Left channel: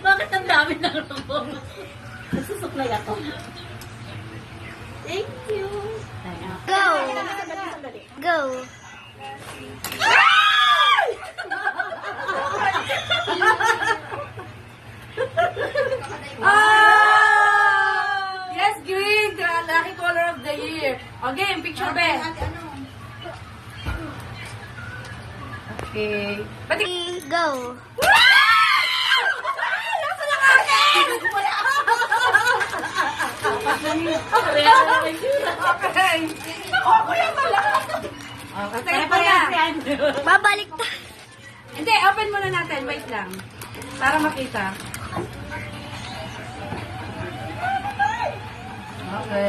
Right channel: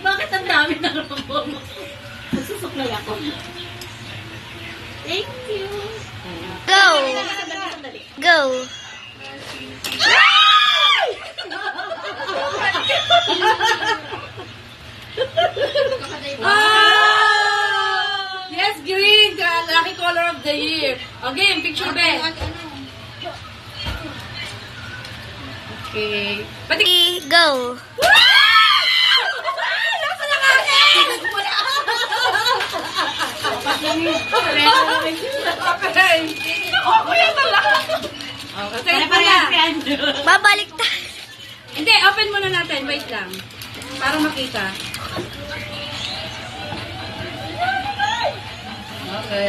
Bakit ang dami ng rumong? Nagsusuklay ako. Thank you. Go! Go! Yes, green! Lucky color of the year. Okay, picture ba? Okay. Pati... Go! Nasa na akin! Okay. Ako yan talaga. Okay, Babalik tayo. Hindi, open muna natin. Wait lang. Para makita. Okay.